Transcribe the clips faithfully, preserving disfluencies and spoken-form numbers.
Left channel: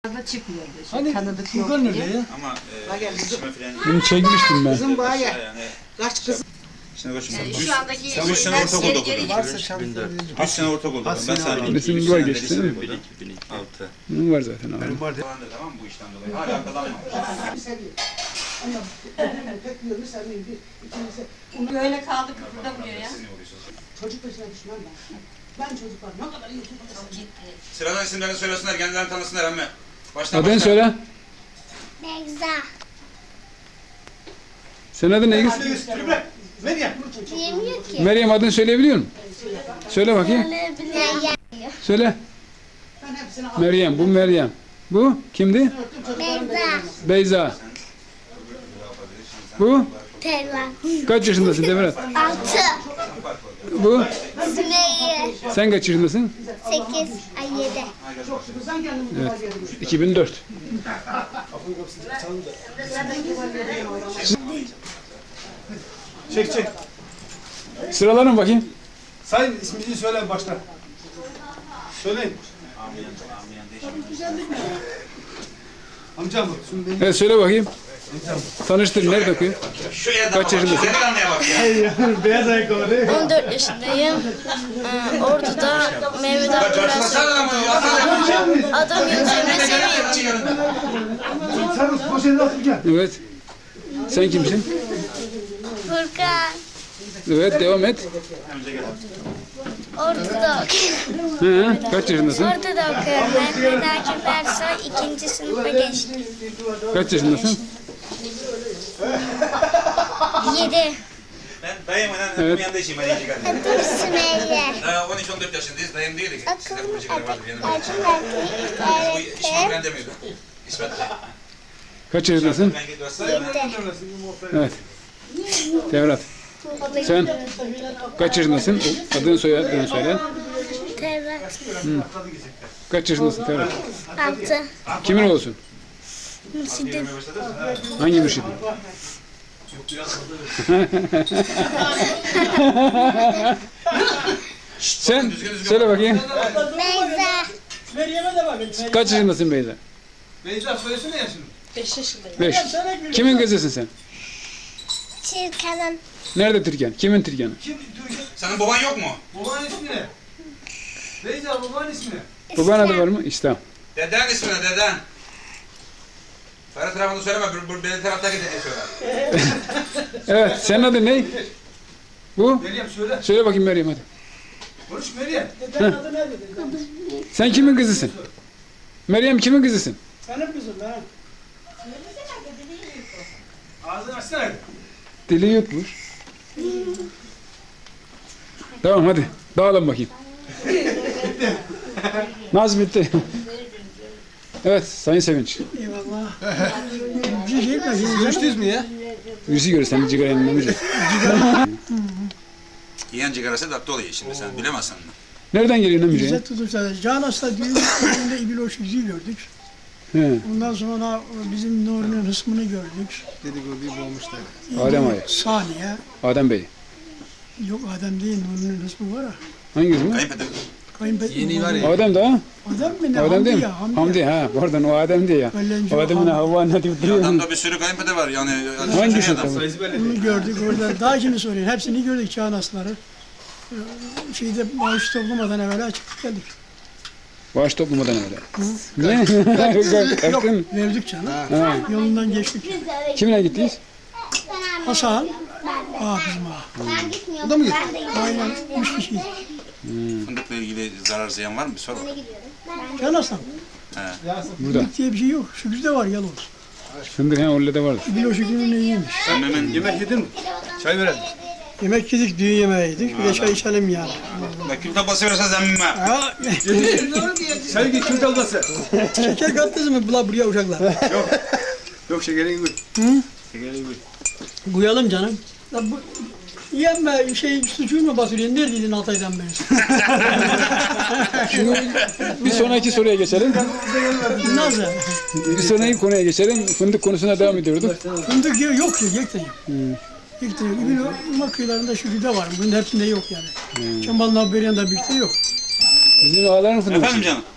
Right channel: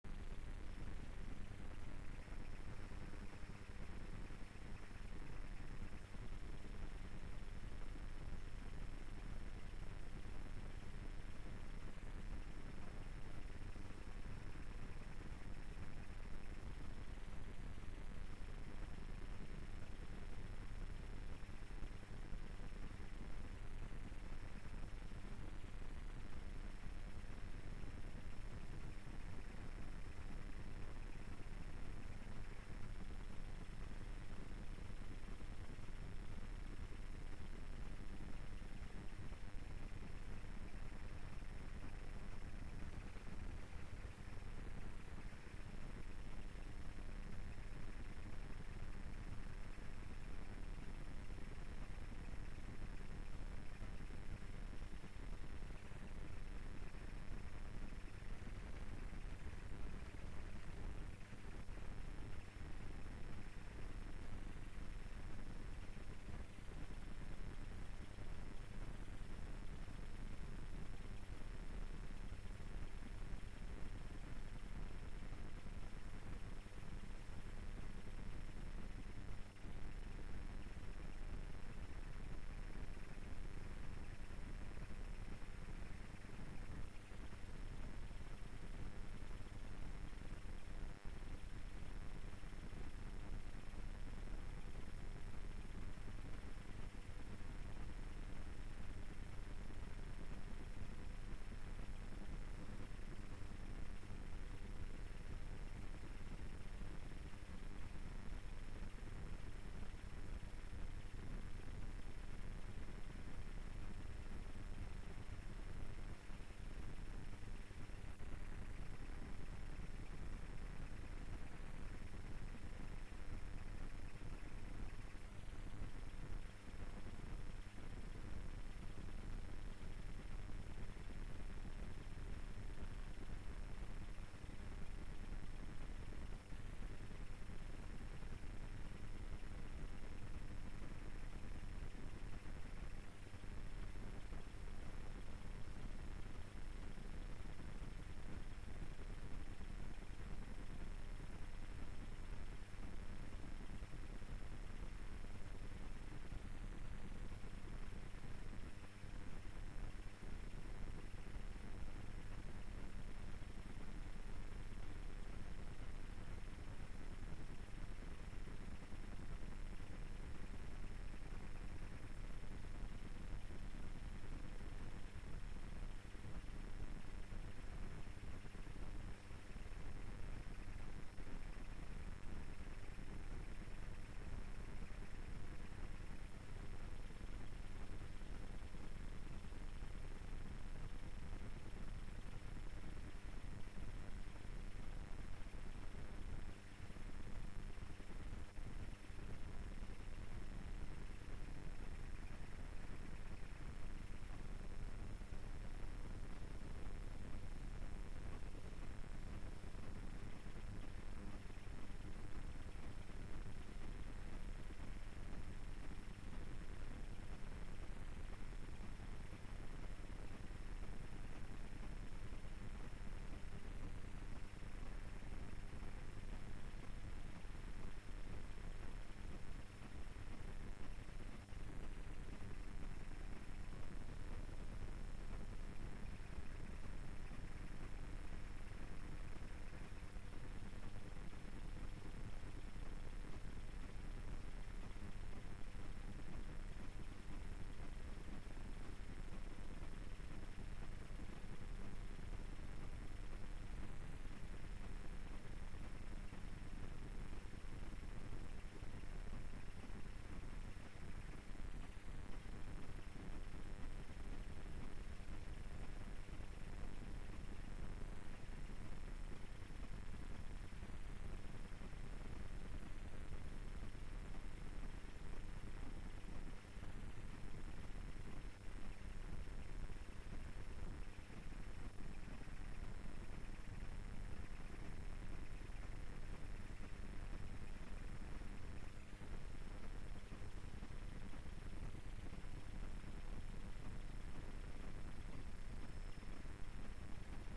Çıkmıyordu. Hani tanıdık yok Furkan diye. nerede ya? Ama e, iletişime falan... Bunu çekmiştim ben. Kızım bana Yani, kaç kız şimdi koşun. Yani Üç- şu andaki Sen üç sene şeyler ortaokulda geri okudun. geri Varsa şans Üç sene ortaokulda okudun. Ben sana bileyim. Resim Üç var sene de geçti, lise değil mi? okudum. Altı. Bunun var zaten abi. Benim vardı. Tamam bu işten dolayı. Hala kazanmamış. Böyle kaldı kıpırdamıyor ya. çocuk peşine düşmem ben. Ben çocuklar ne kadar iyi çocuklar. Sıradan isimlerini söylesinler, kendilerini tanısınlar emme. Baştan Adını başla. söyle. Begza. Senin adın ne? Diyemiyor ki. Meryem, adını söyleyebiliyor musun? Söyle bakayım. Söyleyebiliyor. Söyle. Ben hepsini Meryem, bu Meryem. Bu kimdi? Begza. Beyza. Bu? Telva. Kaç yaşındasın Devlet? Altı. Bu? Sümeyye. Sen kaç yaşındasın? Sekiz. Ay yedi. kızdan kendimi Evet. iki bin dört. Çek çek. Sıralanın bakayım. Sayın ismini söyle baştan. Söyleyin. Amcam bu. Evet, söyle bakayım. Tanıştır, nerede okuyor? Şu yerden Kaç bak. yaşındasın? Delikanlıya bak ya. Beyaz ayakkabı. on dört yaşındayım. Ee, Ordu'da Mehmet Bak abi coşmasana ama. Atsana. Adım Yunus Emre Sevinç. Sen poşeti atıp gel. Evet. Sen kimsin? Furkan. Evet, devam et. Ordu'da Hı, kaç yaşındasın? Ordu'da okuyorum. Mehmet Akif Ersoy ikinci sınıfa geçtim. Kaç yaşındasın? Yedi. Ben dayımın Evet. evet. yanında işim. Hadi iki kardeşim. Adım Sümeyye. Daha on üç on dört yaşındayız. Dayım değildik. Sizde Akıllı kurucu vardır yanımda. Acı Bu verdi. İsmail ben demiyordu. İsmet. Kaç yaşındasın? Ben gidiyorum. Yedi. Evet. Devlet. Sen kaç yaşındasın? O adını söyle, adını söyle. Tevrat. Kaç yaşındasın Devlet? Altı. Kimin olsun? Mürşidim. Hangi mürşidin? Sen söyle bakayım. Beyza. Meryem'e de bakın. Kaç yaşındasın Beyza? Beyza söylesene yaşını. Beş. Kimin kızısın sen? Çirkan'ın. Nerede Türkan? Kimin Türkan'ı? Kim? Senin baban yok mu? Babanın ismi ne? Beyza babanın ismi ne? Baban adı var mı? İslam. Deden ismi ne? Deden. Ferhat tarafını söyleme. Bu, bu benim taraftaki dedeyi söyle. Evet, senin adın ne? Bu? Meryem söyle. Söyle bakayım Meryem hadi. Konuş Meryem. Sen kimin kızısın? Meryem kimin kızısın? Benim kızım ben. Ağzını açsana. Dili yutmuş. Tamam hadi. Dağılın bakayım. Naz bitti. Evet, Sayın Sevinç. Eyvallah. Görüştünüz mü ya? Birisi görür seni cigara yanılmamayacak. Yiyen cigarası tatlı oluyor şimdi sen bilemezsin. Nereden geliyorsun amca? İzzet tutuşta Can Hasta düğün önünde İbil Oşukçu'yu gördük. He, Ondan sonra bizim Nuri'nin hısmını gördük. Dedikoduyu bulmuşlar. Adem Ağa'yı. Saniye. Adem Bey. Yok Adem değil Nuri'nin hısmı var ya. Hangisi mi? Kayınpeder. Kayınpeder. Yeni var ya. Adem de ha? Adem mi ne? Adem değil mi? ya, Hamdi. Hamdi ha. Pardon o Adem diye ya. Öğlenci O Adem'in Hamdi. Havva'nın hadi bitiriyor. Adamda bir sürü kayınpeder var yani. Hangisi adam? tabii? Sayısı böyle Onu gördük orada. Daha şimdi soruyor. Hepsini gördük Can Hastaları. Ee, Şeyde bağış toplamadan evvel çıktık geldik. Bağış toplamadan öyle. Ne? Kalktın. Verdik canım. Ha. Yolundan geçtik. Kimle gittiniz? Hasan. Aa bizim ağa. Ben gitmiyorum. da mı Ben de gidiyorum. Aynen. Üç kişiydik. Fındıkla ilgili zarar ziyan var mı? Bir sor bak. Can Hasan. Burada. Fındık diye bir şey yok. Şükrü'de var yalnız. Fındık ha orada da vardır. İbil Oşukçu'nun iyiymiş. Sen hemen Yemek yedin mi? Çay verelim. Yemek yedik, düğün yemeği yedik. Bir de çay içelim yani. bak kim tablası verirsen zemmime. Ha, Çay git kim kalması? şeker kattınız mı bula buraya uşaklar? Yok şekerini koy. Hı? Şekerini koy. Koyalım canım. Ya bu yeme şey sucuğu mu basıyorsun? Neredeydin Altay'dan beri? Şimdi bir sonraki soruya geçelim. Nasıl? Bir sonraki konuya geçelim. Fındık konusuna devam ediyorduk. Fındık yok, yok ya, yekte yok. Yekte yok. Bir Irmak kıyılarında Şükrü'de var. Bunun hepsinde yok yani. Hmm. Çambal'ın Haberyan'da birlikte yok. Bizim ağaların fındığı. Efendim canım.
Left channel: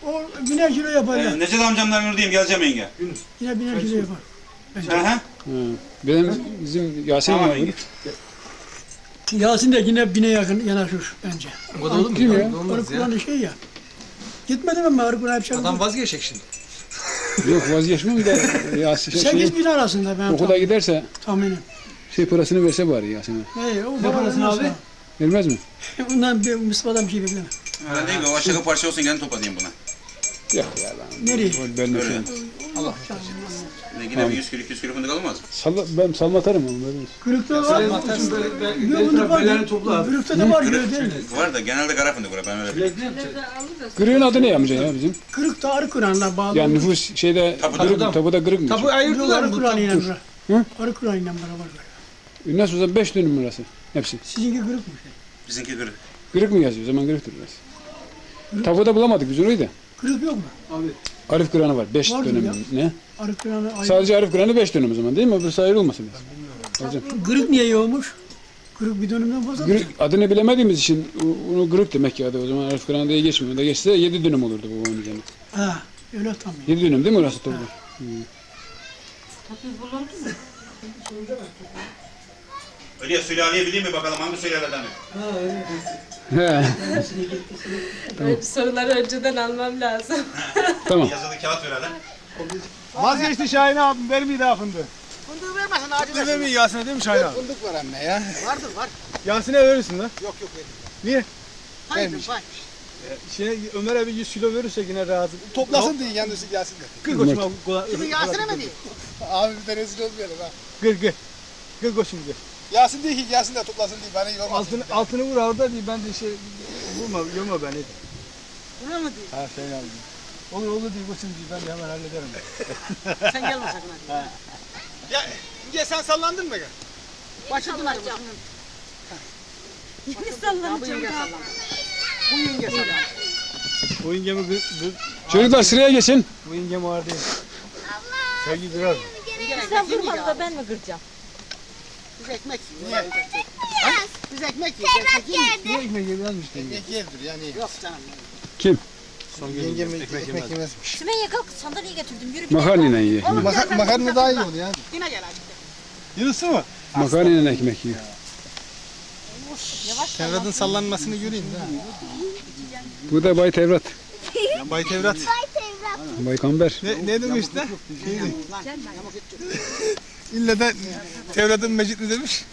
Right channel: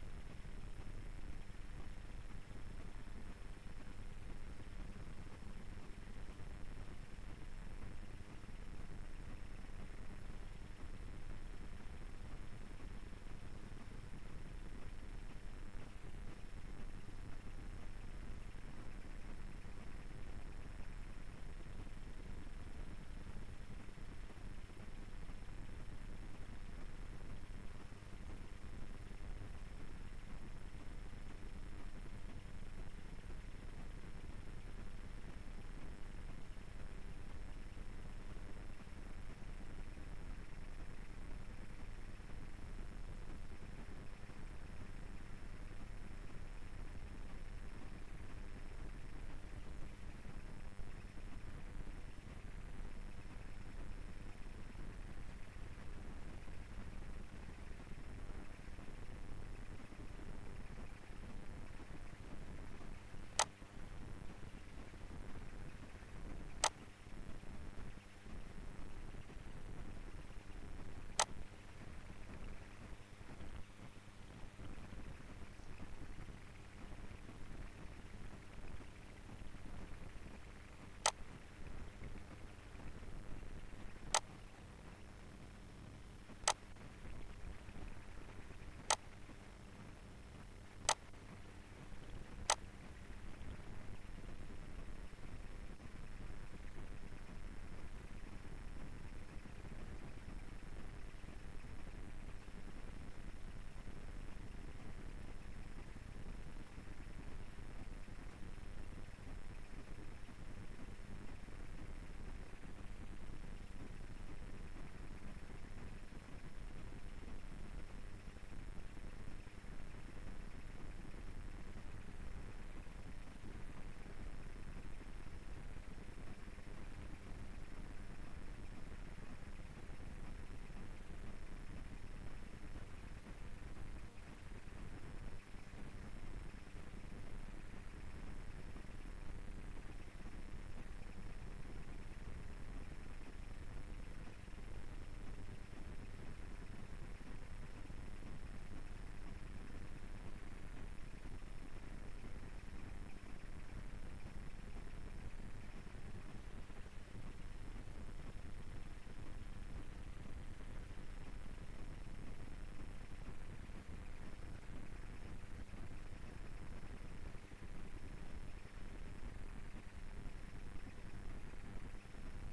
O biner kilo yapar ya. Ee, Necdet amcamların oradayım, geleceğim yenge. Yine biner kilo yapar. Hı hı. Ha. Benim bizim Yasin Tamam var. yenge. Yasin de yine bine yakın yanaşır bence. O da olur mu? Kim ya? Olmaz Arı ya. Kur'an'ı şey ya. Gitmedim ama Arı Kur'an hep şey. Adam vazgeçecek şimdi. Yok vazgeçmem de Yasin şey, Sekiz bin arasında ben okula giderse tahminim. şey parasını verse bari Yasin'e. Hey, o Ne parasını abi? Vermez mi? Ondan bir Mustafa'dan bir şey beklemem. Ben diyeyim ki o aşağı parça olsun gene toplayayım buna. Yok ya lan. Nereye? Ben de Öyle. şey. Ne yine bir yüz kilo iki yüz kilo fındık alınmaz. Salla, ben salmatarım onu. Böyle. Kırıkta var. Sen atarsın böyle be- Yok bel bunda taraf var. belerini topla abi. Kırıkta da var göre değil mi? Var da genelde kara fındık var ben öyle biliyorum. Bilek ne yapacak? Kırığın adı ne amca ya bizim? Kırıkta Arı Kur'an'la bağlı. Yani nüfus şeyde Tapuda. kırık, tapuda kırık mı? Tapu Yok ayırdılar Arı mı? Kur'an'ıyla Tapu- beraber. Hı? Arı Kur'an'ıyla beraber. Nasıl o zaman beş dönüm burası hepsi. Sizinki kırık mı? Bizimki kırık. Kırık mı yazıyor? O zaman kırıktır burası. Tapuda bulamadık biz orayı da. Kırık yok mu? Arif Kur'an'ı var. Beş Vardır dönüm. ya. Ne? Arı Kur'an'ı ayrı. Sadece Arif Kur'an'ı beş dönüm o zaman değil mi? Öbürsü ayrılmasın lazım. Hocam. Kırık niye yoğmuş? Kırık bir dönümden fazla. Kırık, adını bilemediğimiz için o- onu kırık demek ki adı. O zaman Arif Kur'an'ı diye geçmiyor. Da geçse yedi dönüm olurdu bu onun üzerine. Ha, öyle tam. Yedi dönüm değil mi orası toplam? Öyle sülaleye bileyim mi bakalım hangi sülaleden? He. Soruları önceden almam lazım. Tamam. Yazılı kağıt ver hele. Vazgeçti Şahin abim vermiyor daha fındığı. Fındığı vermezsen acı Fındığı vermiyor Yasin'e değil mi Şahin abi? Fındık var anne ya. Vardır var. Yasin'e verirsin lan. Yok yok verin. Niye? Hayır vay. Şey, Ömer'e bir yüz kilo verirse yine razı. Toplasın diye yalnız Yasin de. Kır koçum abi. Kimi Yasin'e mi diyor? Abi bir de rezil olmayalım ha. Kır kır. Kır koçum kır. Yasin değil ki Yasin de toplasın diye bana iyi olmaz. Altını, altını vur orada diye ben de şey vurma, yorma beni. Buraya mı diyor? Ha şey abi. Olur olur diye koçum diye ben de hemen hallederim. Sen gelme sakın hadi. Ya, ya sen sallandın mı? Başladın hadi. Yeni sallanacağım. Bu yenge sallan. Bu yengemi kır, kır. Çocuklar sıraya geçin. Bu yengem var değil. Sevgi kırar. Sen vurmadın da ben mi kıracağım? Biz ekmek yiyoruz. Niye? Biz ekmek yiyoruz. Ekmek yiyoruz. Niye ekmek yemezmiş yenge? Ekmek yerdir yani. Yok canım. Kim? Yengem ekmek yemez. yemezmiş. Sümeyye kalk sandalye getirdim yürü bir Makarnayla yiyor. Maka makarna daha iyi olur ya. Yine gel hadi. Yunus'u mu? Makarnayla ekmek yiyor. Tevrat'ın sallanmasını göreyim de. Bu da Bay Tevrat. Bay Tevrat. Bay Kamber. Ne, ne demiş de? Şeydi. İlle de Tevrat'ın mecit mi demiş?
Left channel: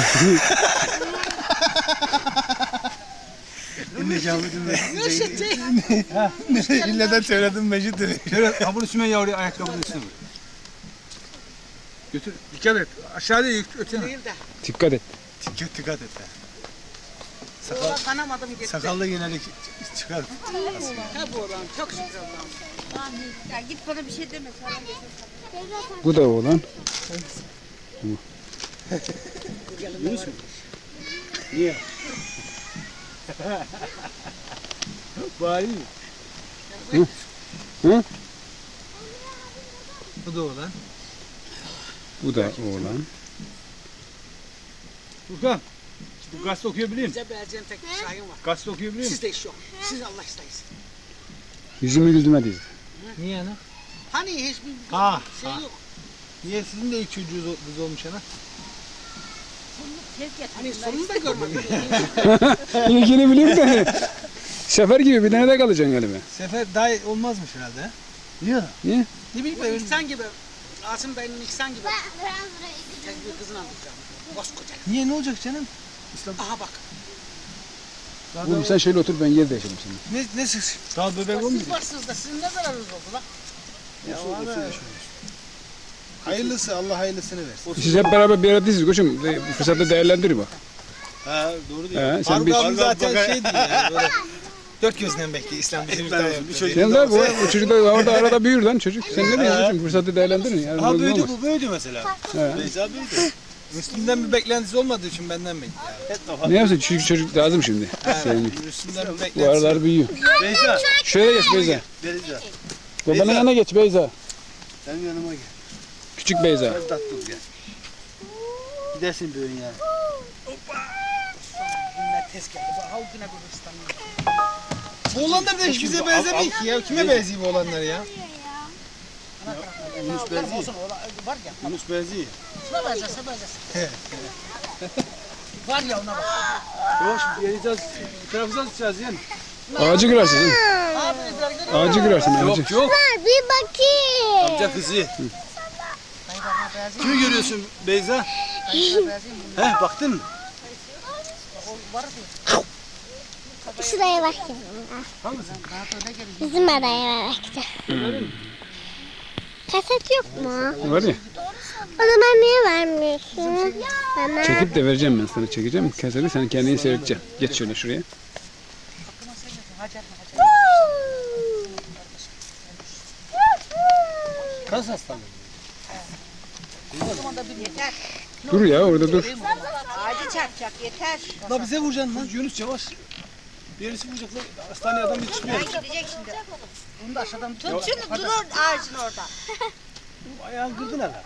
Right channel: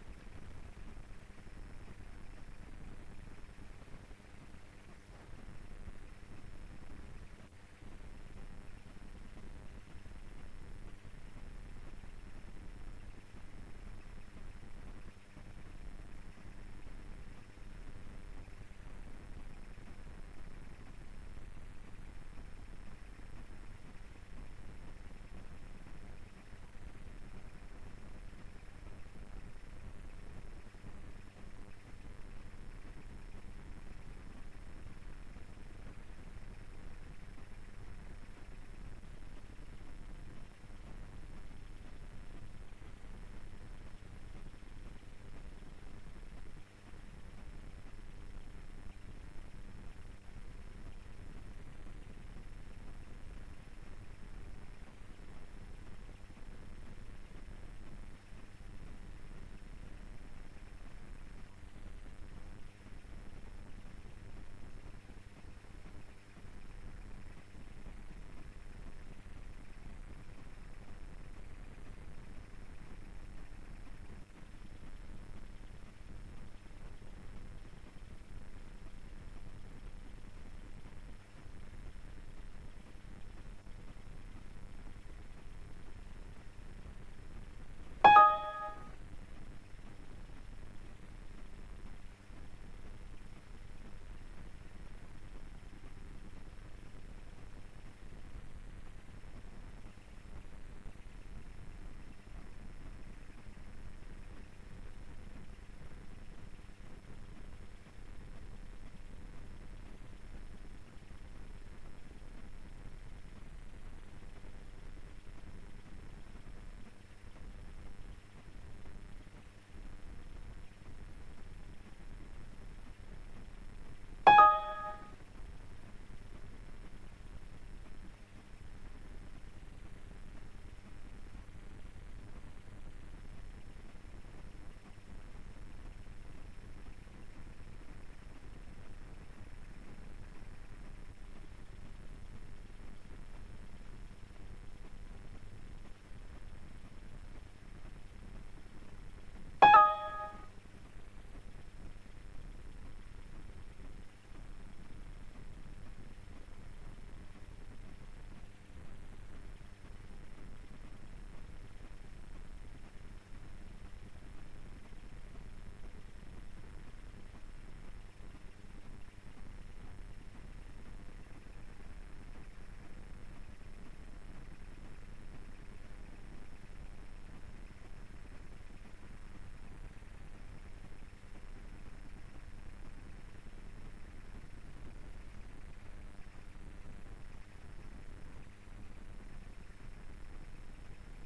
İlle de Tevrat'ın mecit demiş. Tevrat, ha bunu Sümeyye oraya ayakkabının üstüne vur. Götür, dikkat et. Aşağıda ötene. Değil de. Dikkat et. Dikkat, dikkat et. Oğlan kanamadım gitti. Sakallı genelde çıkar. Ha bu oğlan çok şükür Allah'ım. Ya git bana bir şey deme falan. Bu da oğlan. Bari mi? Hı? Hı? Bu da olan. Bu da oğlan. Furkan. Bu gazete okuyabiliyor musun? Bize beğeneceğim tek bir şahin var. Gazete okuyabiliyor musun? Sizde iş yok. Siz Allah isteyiz. Yüzümü güldürmedi. Niye ana? Hani hiçbir Ha, şey ha. yok. Niye sizin de ilk çocuğunuz kız olmuş ana? Hani sonunu da görmedim. İlkini bileyim de. Sefer gibi bir tane de kalacaksın galiba. Sefer daha olmazmış herhalde. Niye? Niye? Ne bileyim Bu ben. İhsan gibi. Asım Bey'in İhsan gibi. Tek bir kızını alacağım. Koskoca. Niye ne olacak canım? Aha bak. Daha Oğlum sen şöyle otur ben yer değişelim seninle. Ne ne siz? Daha bebek olmuyor. Siz varsınız da sizin ne zararınız oldu lan? Hayırlısı Allah hayırlısını versin. Siz hep beraber bir arada değiliz koçum. Bu fırsatı değerlendir bak. Ha doğru diyor. He, sen bir- Faruk abi zaten şey değil yani böyle. Dört gözden bekliyor İslam bizim bir çocuk. Sen de bu, bu çocuk da orada arada büyür lan çocuk. Sen ne diyorsun koçum? Fırsatı değerlendirin. Yani Ha ne büyüdü olmaz. bu büyüdü mesela. He. Beyza büyüdü. Müslüm'den bir beklentisi olmadığı için benden bekliyor. Ne yapsın? Çocuk çocuk lazım şimdi. Senin. Müslüm'den bir Bu beklentisi. aralar büyüyor. Beyza. Şöyle geç Beyza. Beyza. Babanın yanına geç Beyza. Benim yanıma gel. Küçük Beyza. Biraz tatlı ol gel. Gidersin böyle yani. Bunlar tez geldi. Bak ha o güne görür İstanbul'u. Bu olanlar da hiç bize benzemiyor ki ya. Kime benziyor bu olanlar ya? Yunus benziyor. Olsun ola, var ya. Yunus benziyor. Şuna benzerse benzerse. Var ya ona bak. Yavaş geleceğiz. Trabzon tutacağız yani. Ağacı kırarsın. Değil mi? Abi bizler görüyor. Ağacı kırarsın ağacı. Yok yok. Bir bakayım. Amca kızı. Kimi görüyorsun Beyza? Benzeyim. He baktın mı? Şuraya bakayım. Bizim araya bakacağım. Kaset yok mu? Var ya. O zaman niye vermiyorsun? Bana. Çekip de vereceğim ben sana çekeceğim. Keseri sen kendini seyredeceksin. Geç şöyle şuraya. Kas hastalığı. Dur ya orada dur. Ağacı çarpacak yeter. La bize vuracaksın lan Yunus yavaş. Birisi vuracak lan. Hastaneye adam yetişmiyor. Gidecek şimdi. Bunu da aşağıdan tut. Tut şunu dur ağacın orada. Ayağını kırdın hala.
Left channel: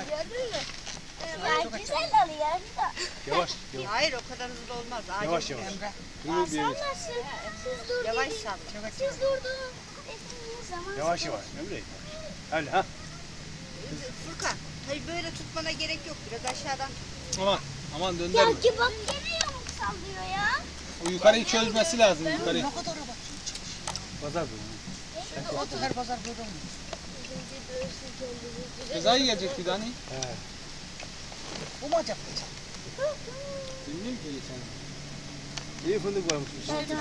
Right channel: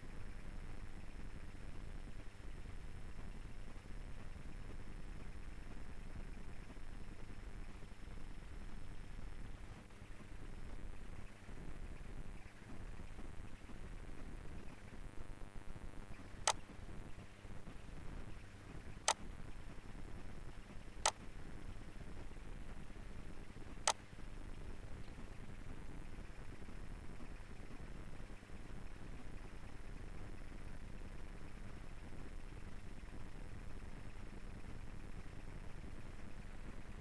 Güzel oluyor. Yavaş. Hayır o kadar hızlı olmaz. Ağacı Yavaş yavaş. Emre. Dur bir yere. Yavaş sal. Siz durdunuz. Zaman Yavaş yavaş. Emre. Öyle ha. Furkan. Hayır böyle tutmana gerek yok. Biraz aşağıdan. Aman. Aman Ya döndürme. ki bak gene yamuk sallıyor ya. O yukarıyı çözmesi lazım yukarıyı. Ne kadar bak. Pazar bu. O her pazar böyle olmuyor. Cezayı gelecek bir tane. Bu mu acaba? Bilmiyorum ki geçen. İyi fındık varmış.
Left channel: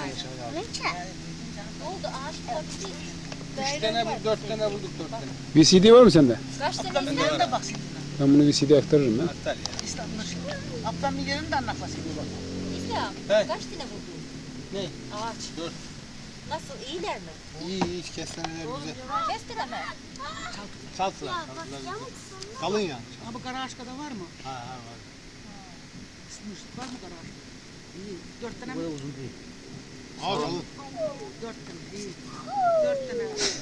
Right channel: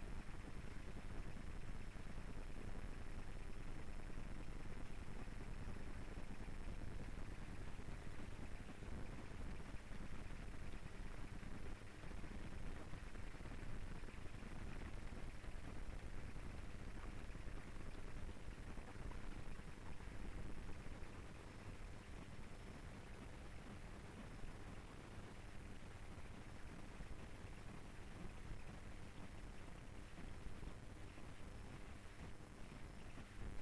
Oldu ağaç oldu. Üç tane bu, dört tane bulduk dört tane. V C D var mı sende? Ablamın yerinde bak şimdi. Ben bunu V C D aktarırım ben. Aptal ya. İslam'ın şimdi. Ablamın yerinde anlatmasın. İslam. He. Kaç tane buldun? Ne? Ağaç. Dört. Nasıl iyiler mi? İyi iyi hiç kestaneler güzel. Kestire mi? Saltılar. Kalın ya. Ha bu kara ağaçkada var mı? Ha ha var. Isınmış. Var mı kara ağaçkada? İyi. Dört tane mi? Böyle uzun değil. Aa kalın. Dört tane. İyi. Dört tane.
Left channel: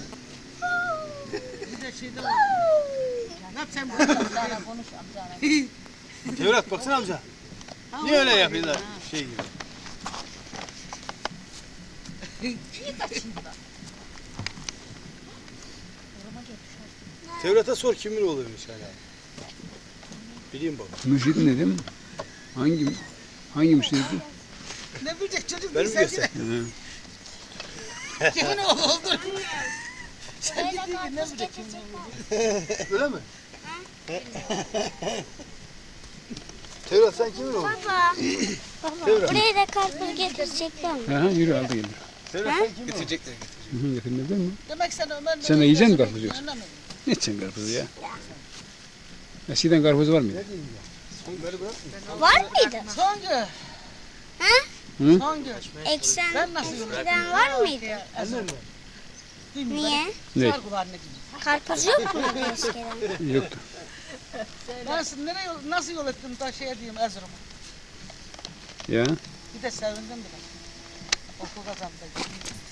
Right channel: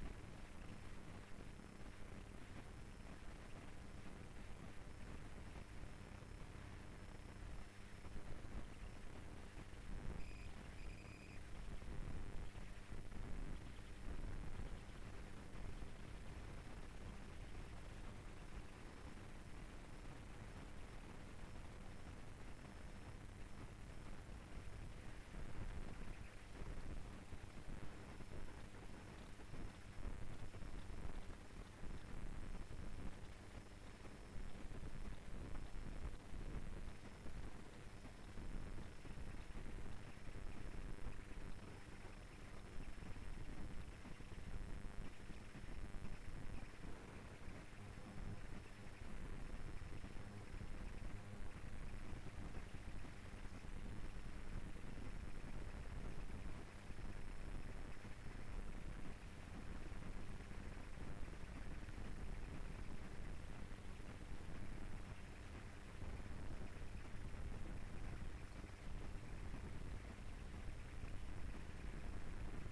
Bir de şeyde var. Ne yap sen bunu? Amcana konuş amcana. Tevrat baksana amca. Niye öyle yapıyorlar? Şey gibi. Tevrat'a sor kimin oluyormuş hala. Bileyim baba. Müşid ne dedim? Hangi hangi müşid? Ne bilecek çocuk Ben değil mi sen göster? He. kimin oğlu oldu? Sen gittin ki ne bilecek kimin oğlu? Öyle mi? Tevrat sen kimin oğlu? Baba. Tevrat. Buraya da karpuz getirecekler mi? Ha, yürü aldı gelir. Tevrat sen kimin oğlu? Getirecekler. Hı hı, getirmez değil mi? Demek sen Ömer'le... Sen de yiyecek misin karpuzu yoksa? Anlamadım. Ne içeceksin karpuzu ya? Eskiden karpuz var mıydı? Beni bırak. Var mıydı? Songu. Hı? Songu. Eksen Ben nasıl yiyorum? eskiden var mıydı? Niye? Ne? Sar kulağını gibi. Karpuz yok muydu eskiden? Yoktu. Ben sizi nereye yol, nasıl yol ettim da şey diyeyim Erzurum'a. Ya. Bir de sevindim bile. Okul kazandı.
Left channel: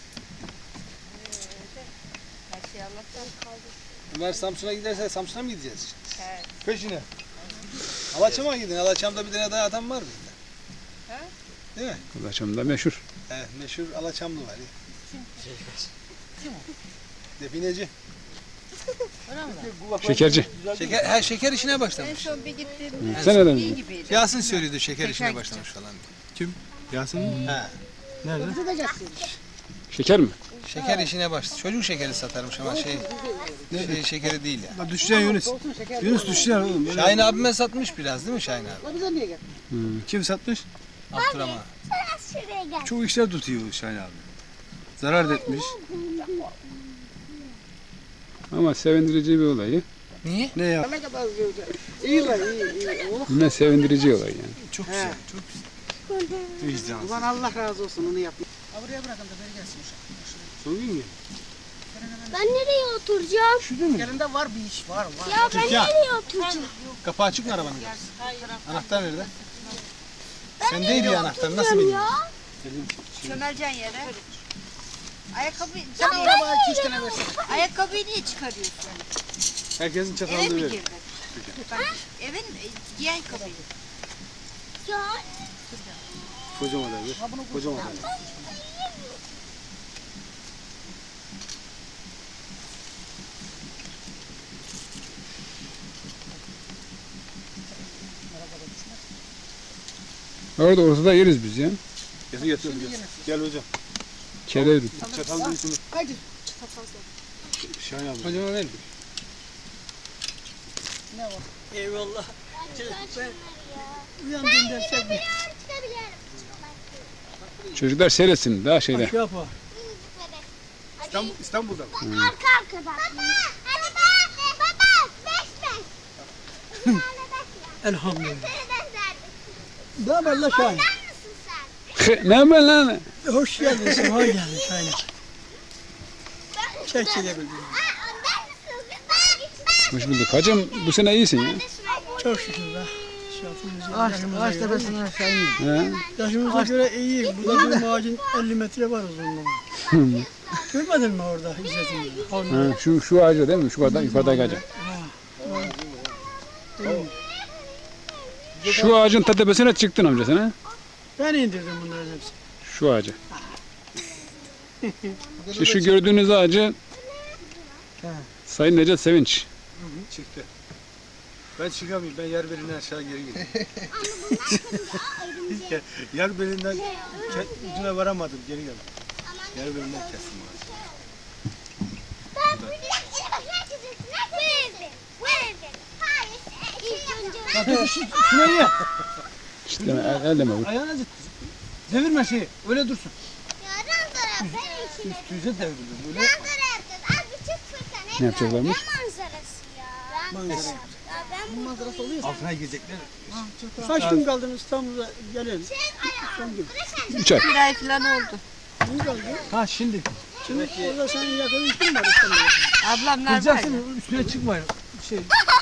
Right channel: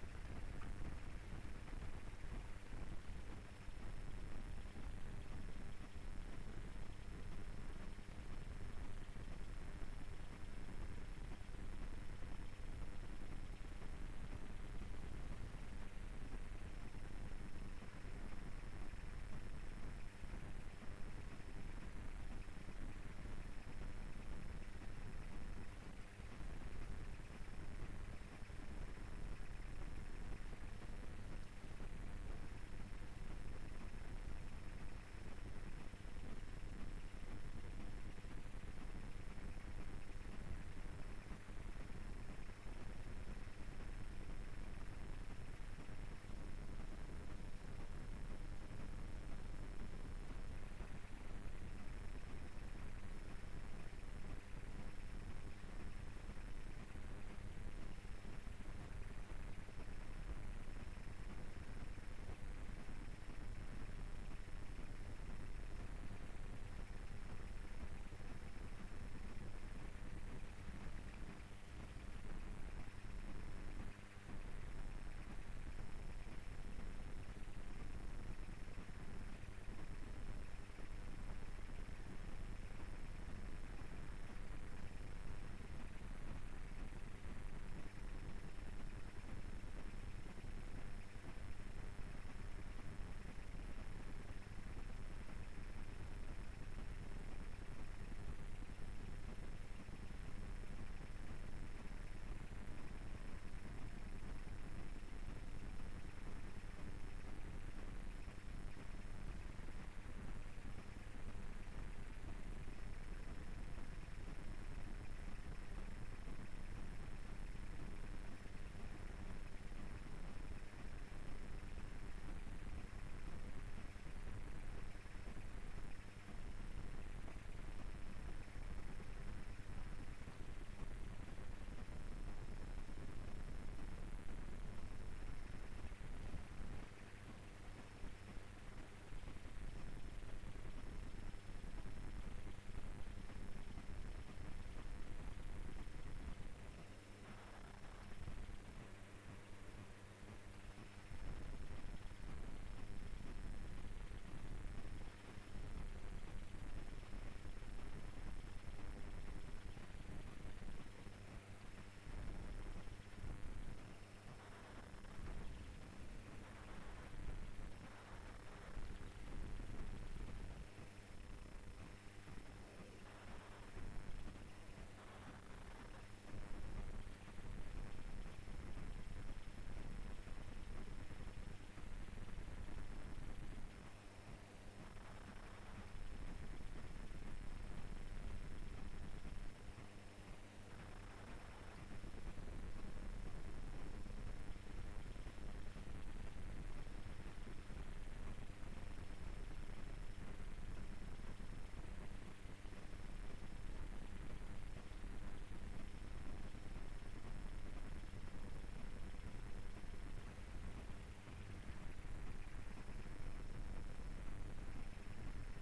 Her şey Allah'tan kaldı. Ömer Samsun'a giderse Samsun'a mı gideceğiz? Evet. Peşine. Alaçam'a mı gidin? Alaçam'da bir tane daha adam var bizde. Değil mi? Kulaçamda meşhur. Evet, meşhur Alaçamlı var ya. Kim o? Defineci. Şekerci. Şeker, ha, şeker işine En başlamış. son bir gittim. Hı. Sen neden? İyi gibiydi. Yasin söylüyordu şeker işine başlamış falan. Kim? Yasin mi? He. Nerede? Şeker mi? Şeker işine başladı. Çocuk şekeri satarmış ama şey, şey şekeri değil ya. Düşeceksin Yunus. Yunus düşeceksin oğlum. Böyle- Şahin abime satmış biraz değil mi Şahin abi? O bize niye geldi? Kim satmış? Abdurrahman. Şuraya gel. Çok işler tutuyor Şahin abi. Zarar da etmiş. Ama sevindirici bir olay ya. Niye? Ne ya? Ne kadar güzel. İyi lan iyi iyi. Oh. Ne sevindirici olay yani. Çok güzel. Çok güzel. Vicdan. Ulan Allah razı olsun onu yapma. Ha buraya bırakın da beni gelsin uşak. Son gün mü? Ben nereye oturacağım? Elinde var bir iş var var. Ya ben Türkan. nereye oturacağım? Kapağı açık mı arabanın? Anahtar nerede? Sendeydi ya anahtar. Nasıl bildin? Çömeleceksin yere. Ayakkabı, Sen sen ona bana iki üç tane versene. ayakkabıyı niye çıkarıyorsun? Herkesin Eve çatalını mi ver. girdin? Bak, evin e, giyen ayakkabıydı. Ya Kocaman abi. Kocaman abi. Orada ortada yeriz biz ya. Getir getir. Gel, gel hocam. Kere Çatal büyüsünü. Hadi. Şahin abi. Hocama ver. Eyvallah. Uyandığında çek bir çocuklar seyretsin daha şeyde. şey yapar. İstanbul, İstanbul'da mı? Arka arkadan. Baba, hadi baba, baba, beş beş. Elhamdülillah. Ne haber la Şahin? Ne haber lan? Hoş geldin, sefa geldin Şahin. Çek çekebildim. Hoş bulduk. Hacım bu sene iyisin ya. Çok şükür be. Ağaç, ağaç tepesinden aşağı iniyor. He? Yaşımıza göre iyi. Burada bir ağacın elli metre var uzunluğu. Görmedin mi orada İzzet'in? Ha, şu şu ağacı değil mi? Şu kadar yukarıdaki ağacı. Şu ağacın ta tepesine çıktın amca sen ha? Ben indirdim bunların hepsini. Şu ağacı. İşte şu gördüğünüz ağacı Sayın Necdet Sevinç. Çıktı. Ben çıkamayayım. Ben yer belinden aşağı geri gidiyorum. yer belinden ke- ucuna varamadım. Geri geldim. Yer belinden kestim ağacı. Şuna ye. İşte el, elleme vur. Ayağını acıt. Devirme şeyi. Öyle dursun. Üstüze devirdim. Böyle. Ne yapacaklarmış? Manzarası oluyor. Altına girecekler. Kaç gün kaldın İstanbul'da gelelim. Üç ay. Bir ay falan oldu. Ha şimdi. Şimdi orada senin yakın işin var İstanbul'da. Ablamlar var. Kıracaksın üstüne çıkmayın. Şey.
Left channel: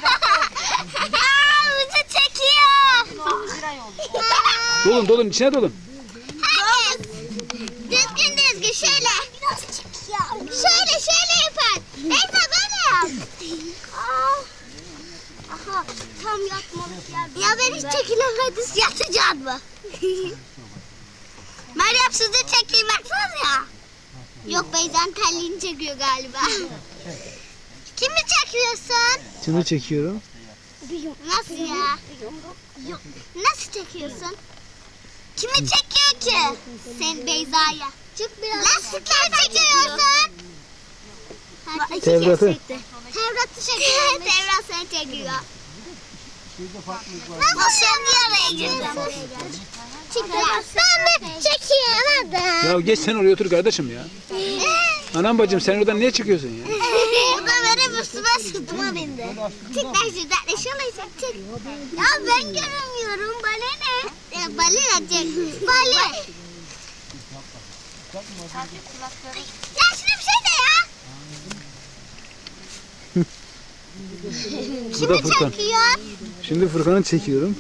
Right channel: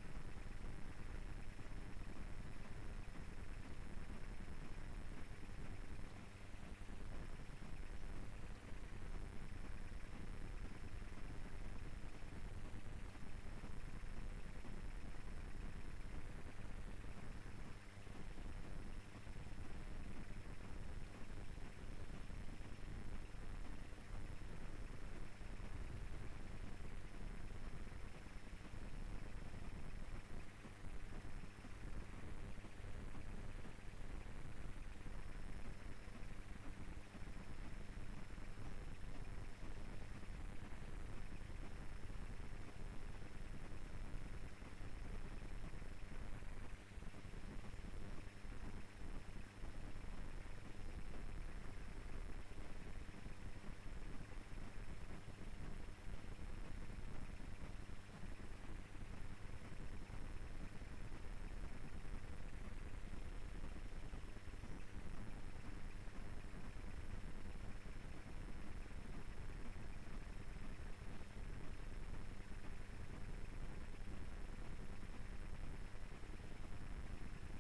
Bizi çekiyor. Dolun dolun içine dolun. Herkes düzgün düzgün şöyle. Şöyle şöyle yapar. Neyse böyle yap. Aa. Aha tam yatmalık yer. Ya ben hiç çekilemedim. Yatacaksın mı? Meryem sizi çekeyim baksanız ya. Yok Beyza'nın terliğini çekiyor galiba. Kimi çekiyorsun? Kimi çekiyorum? Nasıl ya? Nasıl çekiyorsun? Kimi çekiyor ki? Sen Beyza'ya. Çık biraz. Nasıl çekiyorsun? Tevrat'ı. Tevrat'ı çekiyor. Tevrat seni çekiyor. Nasıl şimdi araya girdin? Ben de çekiyorum. Ya geç sen oraya otur kardeşim ya. Anam bacım sen oradan niye çıkıyorsun ya? Bu da benim üstüme sırtıma bindi. Çık ben şuradan şöyle çek. Ya ben göremiyorum. Balina. Ya balina çek. Balina. Ya şuna bir şey de ya. Bu da Furkan. Çekiyor. Şimdi Furkan'ı çekiyorum.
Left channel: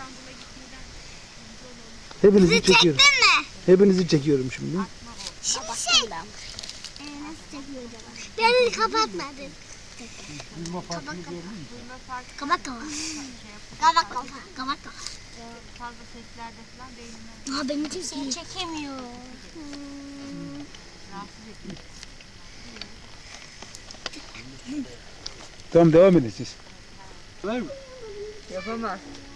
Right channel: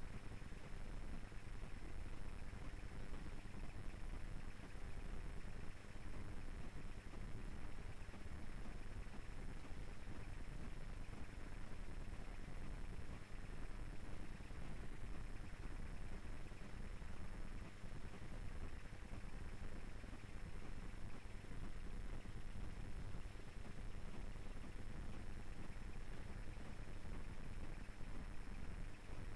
Hepinizi Bizi çekiyorum. çektin mi? Hepinizi çekiyorum şimdi. Şimdi şey. Ee, nasıl çekiyor acaba? Beni kapatmadın. Kabak kafa. Kabak kafa. Kabak kafa. Kabak kafa. Fazla seslerde falan değil. Aa beni çekiyor. çekemiyor. Tamam devam edin siz. Var mı? Yapamaz.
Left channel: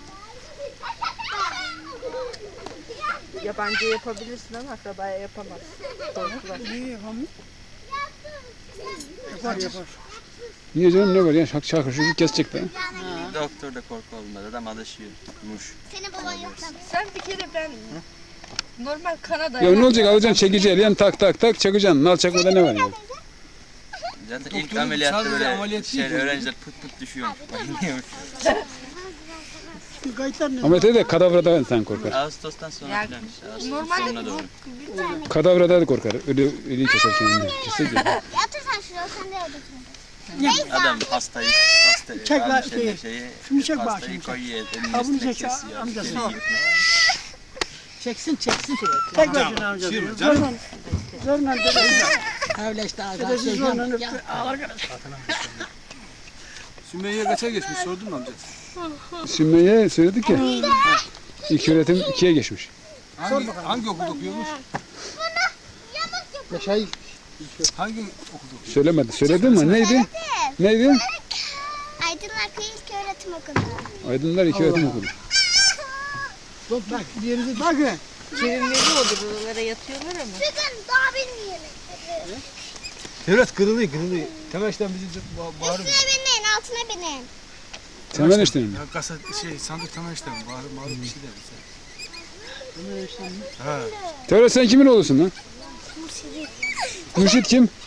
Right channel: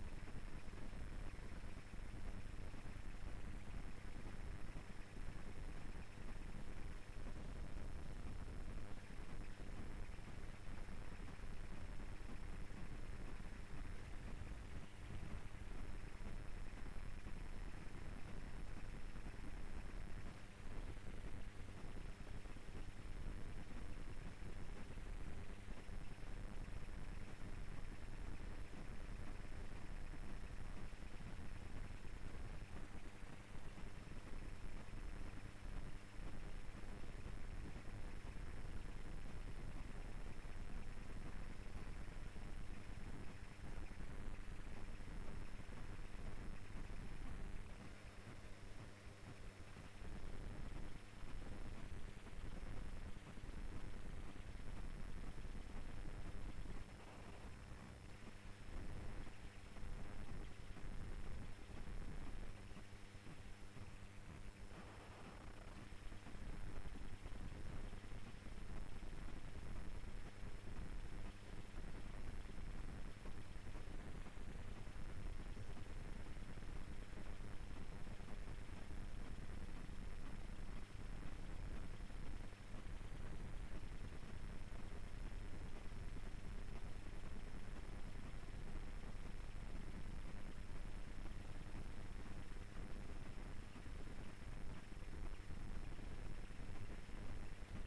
Yabancı yapabilirsin ama akrabaya yapamaz. Korkular. İyi yapamıyor. Yapar yapar. Niye canım ne var ya şak şakır şu kesecek de. Doktor da korku olmadı. Adam alışıyormuş. Senin baban yok tabii. Sen bir kere ben normal Kanada. Ya ne olacak alacaksın çekici el yan tak tak tak çakacaksın. Nal çakmada ne var ya? Zaten ilk Doktorun ameliyatta sadece böyle ameliyat şey, değil. öğrenciler pıt pıt düşüyormuş. Bayılıyormuş. Kayıtlar ne? Ama de kadavradan sen korkar. Ağustos'tan sonra Yani filan işte. Ağustos normalde sonuna doğru. Kadavradan da korkar. Ölü, ölüyü keser kendini. Keser ki. Yatır sen şuraya sen de oradasın. Adam hastayı, hastayı Çek lan almış şeyi. eline şeyi, Şunu çek bak hastayı şimdi. koyuyor, elinin Ha, bunu üstüne çek, kesiyor. amcası. Geliyor. Çeksin çeksin şöyle. Tek başına amca. Zorla. Zorla dedesi. Öyle işte ağaç. Dedesi zorla öptü. Ağlar kadar. Sümeyye kaça geçmiş sordun mu amca? Sümeyye söyledik ya. İlk öğretim ikiye geçmiş. Hangi, hangi okulda okuyormuş? Yaşay. Hangi okulda okuyor? Söylemedi. Söyledin mi? Neydi? Neydi? Aydınlar Köy İlköğretim Okulu. Aydınlar iki öğretim okulu. Bak bak bir yere de bakın. Çevirmeli olur. Oralara yatıyorlar ama. Çıkın daha bilmeyelim. Devlet kırılıyor kırılıyor. Temeşten bizi ba- bağırıyor. Üstüne binin altına binin. Temel işte mi? Ya kasa şey sandık temeşten bağırıp bağırıp bir şey der bize. Ha. Tevrat sen kimin oğlusun lan? Mürşit kim?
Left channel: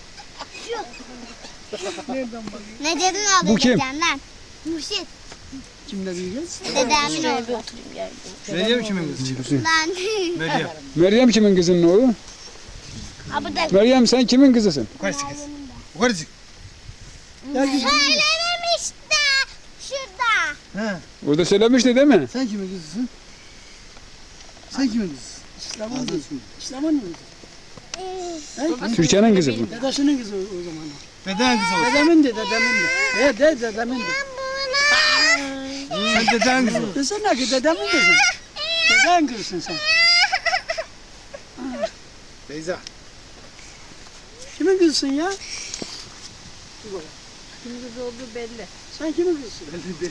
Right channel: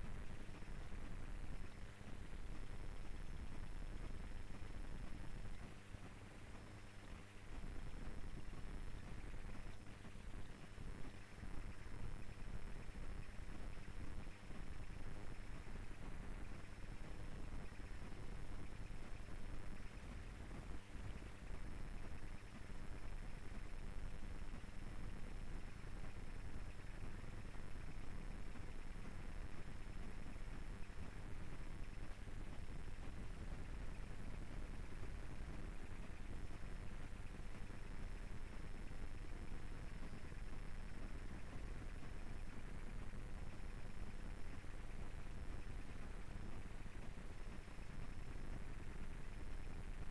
Ne dedin abi? Bu kim? Dedemden. Mürşit. Kimle büyüyeceğiz? Dedemden oldu. Meryem kimin kızı? Lan. Meryem. Meryem kimin kızının oğlu? Abi de. Meryem sen kimin kızısın? Yukarı çık. Yukarı çık. Söylememiş de. Şurada. He. Orada söylemişti değil mi? Sen kimin kızısın? Sen kimin kızısın? İslam'ın kızı. İslam'ın mı? He? Türkiye'nin kızı bu. Dedesinin kızı o, o zaman. Deden kızı olsun. Dedemin de dedemin de. He de dedemin de. Sen deden kızı ol. Desene ki dedemin kızı. Deden kızısın sen. Beyza. Kimin kızısın ya? Kimin kızı olduğu belli. Sen kimin kızısın?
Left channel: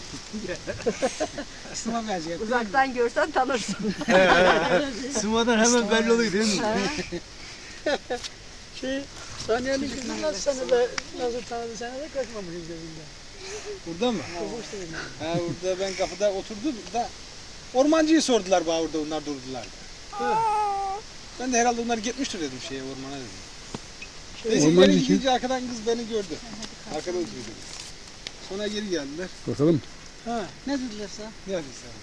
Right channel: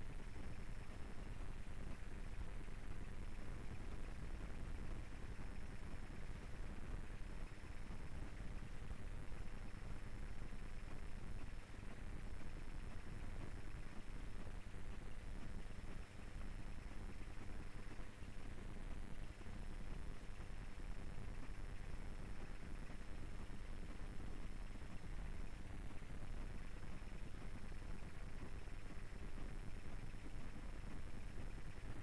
Sıma benziyor. Uzaktan görsen tanırsın. Sımadan hemen belli oluyor değil mi? Şey, Saniye'nin kızı nasıl seni de nasıl tanıdı seni de kaçmamışız gözünden. Burada mı? Ha burada ben kapıda oturdum da ormancıyı sordular bana orada onlar durdular. Ben de herhalde onlar gitmiştir dedim şeye ormana dedim. Neyse Ormancı geri kim? gidince arkadan kız beni gördü. Arkada oturuyordu. Sonra geri geldiler. Bakalım. Ha, ne dediler sana? Ne yapayım sana?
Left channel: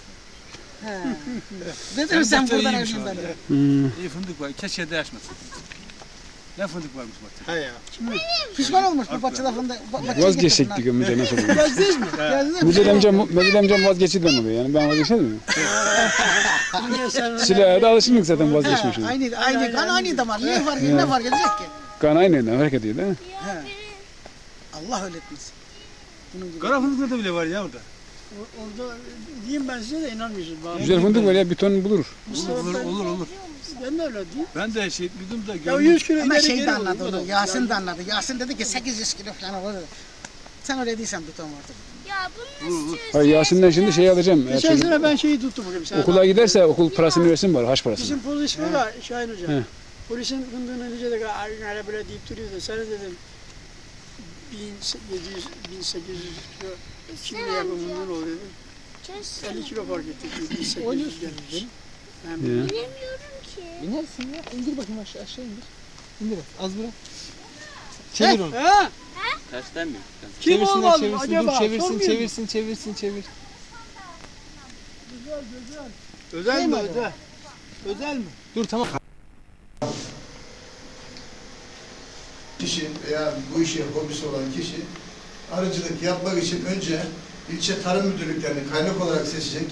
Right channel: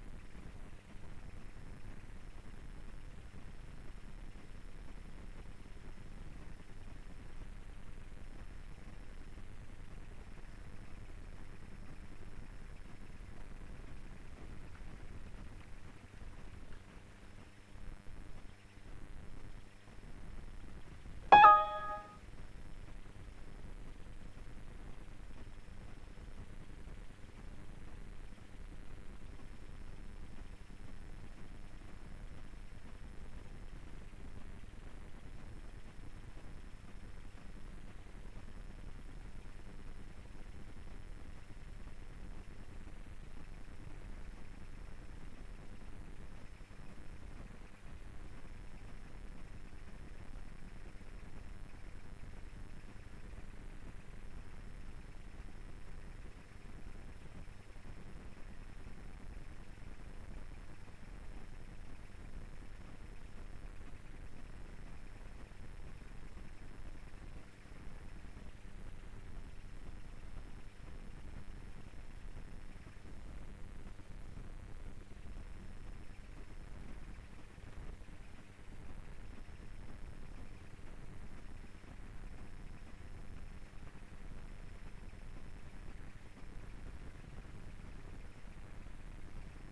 Dedim sen de buradan iyiymiş öldün orada. beni. Hmm. İyi fındık var. Keşke de açmasın. Ne fındık varmış bak. Ha ya. Pişman olmuş bu bahçede fındık. Vazgeçecektik ömrüce nasıl olur? Gezdiniz mi? Gezdiniz mi? Müdür amcam, müdür amcam vazgeçti demedi yani ben vazgeçmedim mi? Silah'a da alışındık zaten vazgeçmişiz. Aynı, aynı kan aynı damar. Niye fark ediyor? Ne fark edecek ki? Kan aynı hareket ediyor değil mi? Allah öyle etmesin. Bunun gibi. Kara fındıkta da bile var ya orada. O- Orada diyeyim ben size de inanmıyorsunuz. Bana. Güzel fındık var ya bir ton bulur. Mustafa Olur ben- olur olur. Ben de öyle diyeyim. Ben de şey duydum da Ya gördüm. yüz kilo Ama ileri şey geri de olur. anladı onu, Yasin de anladı. Yasin dedi ki sekiz yüz kilo falan olur. Sen öyle değilsen tutam orada. Ya bunun Hayır Yasin'den şimdi şey alacağım. Eğer Geçen çocuk sene ben şeyi tuttum bugün. Sen okula giderse okul parasını versin bari haş parasını. Bizim polis var ya Şahin Hoca. He. Polisin fındığını önce de öyle böyle deyip duruyordu. Sana dedim bin yedi yüz, bin sekiz yüz kilo Çin'de yapım fındığın oluyor dedim. elli kilo fark ettik. bin sekiz yüz gelmiş. Ya. bilemiyorum ki. İnersin ya. İndir bakayım aşağı aşağı indir. İndir az bırak. Çevir onu. Ha? Tersten mi? Kim Çevirsin olmalı çevirsin acaba? dur çevirsin Sormuyor çevirsin çevirsin çevir. Özel Şey mi mi özel? Özel mi? Dur tamam. Kişi veya bu işe hobisi olan kişi arıcılık yapmak için önce ilçe tarım müdürlüklerini kaynak olarak seçecek.